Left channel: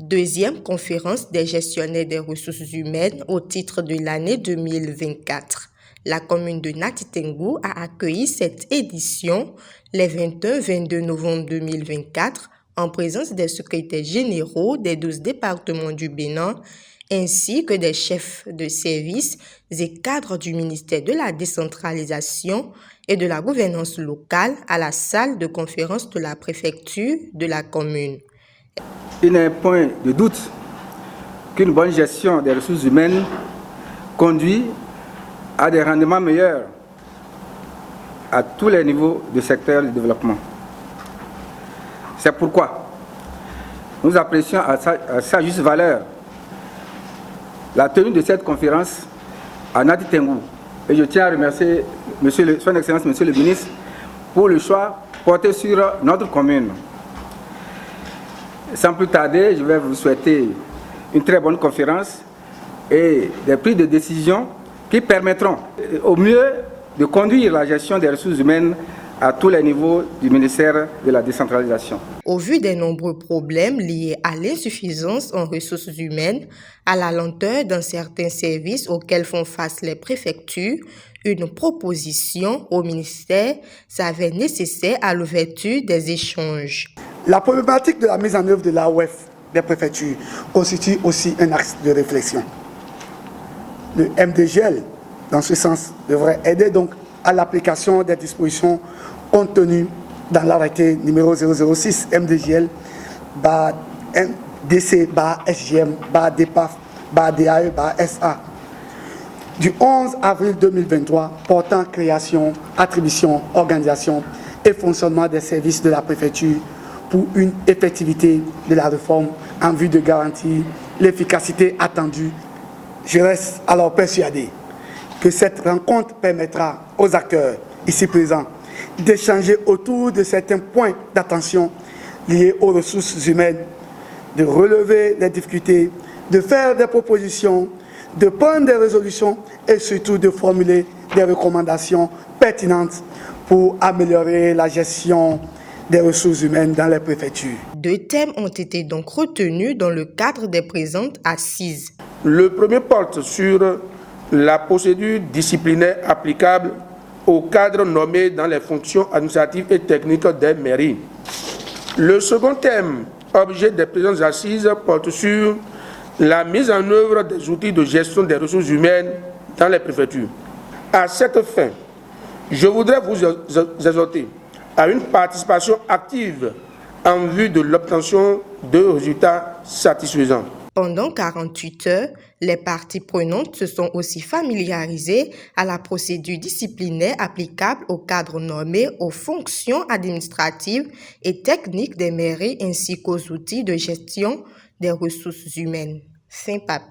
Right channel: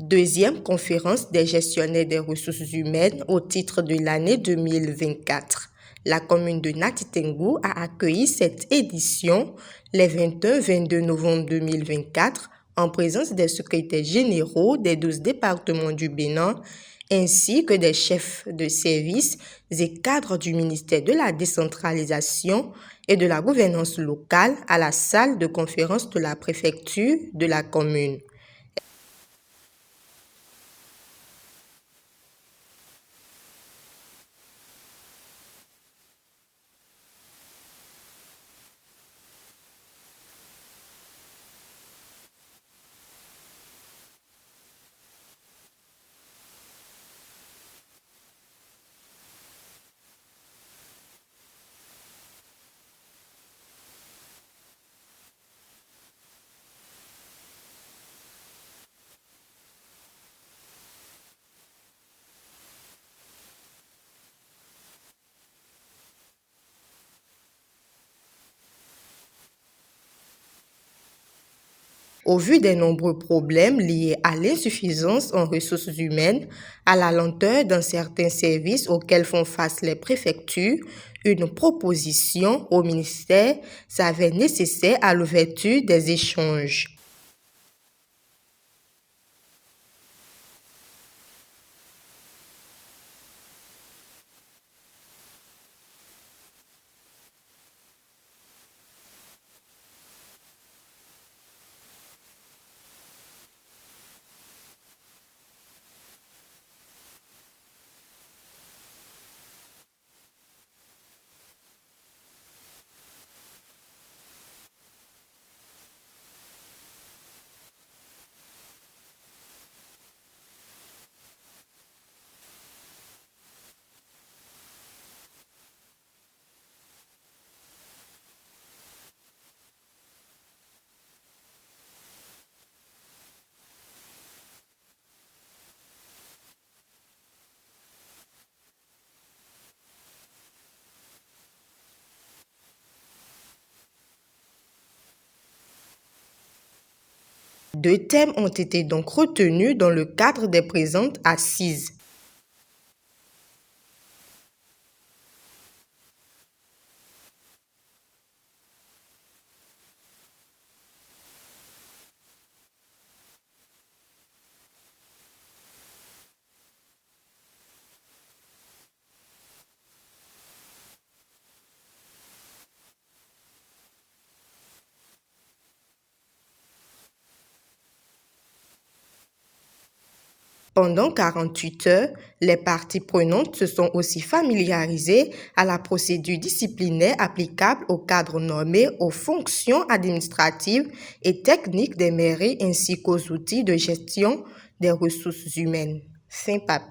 Deuxième conférence des gestionnaires des ressources humaines au titre de l'année 2024. La commune de Nati Tengou a accueilli cette édition les 21-22 novembre 2024 en présence des secrétaires généraux des 12 départements du Bénin ainsi que des chefs de service et cadres du ministère de la décentralisation et de la gouvernance locale à la salle de conférence de la préfecture de la commune. Il n'est point de doute qu'une bonne gestion des ressources humaines conduit à des rendements meilleurs à tous les niveaux du secteur du développement. C'est pourquoi nous apprécions à sa juste valeur la tenue de cette conférence à Nati Tengou. Et je tiens à remercier Son Excellence Monsieur le ministre pour le choix porté sur notre commune. Sans plus tarder, je vais vous souhaiter une très bonne conférence et des prises de décision qui permettront au mieux de conduire la gestion des ressources humaines à tous les niveaux du ministère de la décentralisation. Au vu des nombreux problèmes liés à l'insuffisance en ressources humaines, à la lenteur dans certains services auxquels font face les préfectures, une proposition au ministère s'avère nécessaire à l'ouverture des échanges. La problématique de la mise en œuvre de l'AOF des préfectures constitue aussi un axe de réflexion. Le MDGL, dans ce sens, devrait aider donc à l'application des dispositions contenues dans l'arrêté numéro 006 MDGL DC SGM DPAF DAE SA du 11 avril 2023 portant création, attribution, organisation et fonctionnement des services de la préfecture pour une effectivité de la réforme en vue de garantir l'efficacité attendue. Je reste alors persuadé que cette rencontre permettra aux acteurs ici présents d'échanger autour de certains points d'attention liés aux ressources humaines, de relever les difficultés, de faire des propositions, de prendre des résolutions et surtout de formuler des recommandations pertinentes pour améliorer la gestion des ressources humaines dans les préfectures. 2 thèmes ont été donc retenus dans le cadre des présentes assises. Le premier porte sur la procédure disciplinaire applicable aux cadres nommés dans les fonctions administratives et techniques des mairies. Le second thème, objet des présentes assises, porte sur la mise en œuvre des outils de gestion des ressources humaines dans les préfectures. À cette fin, je voudrais vous exhorter à une participation active en vue de l'obtention de résultats satisfaisants. Pendant 48 heures, les parties prenantes se sont aussi familiarisées à la procédure disciplinaire applicable aux cadres nommés aux fonctions administratives et techniques des mairies ainsi qu'aux outils de gestion des ressources humaines. Fin papier.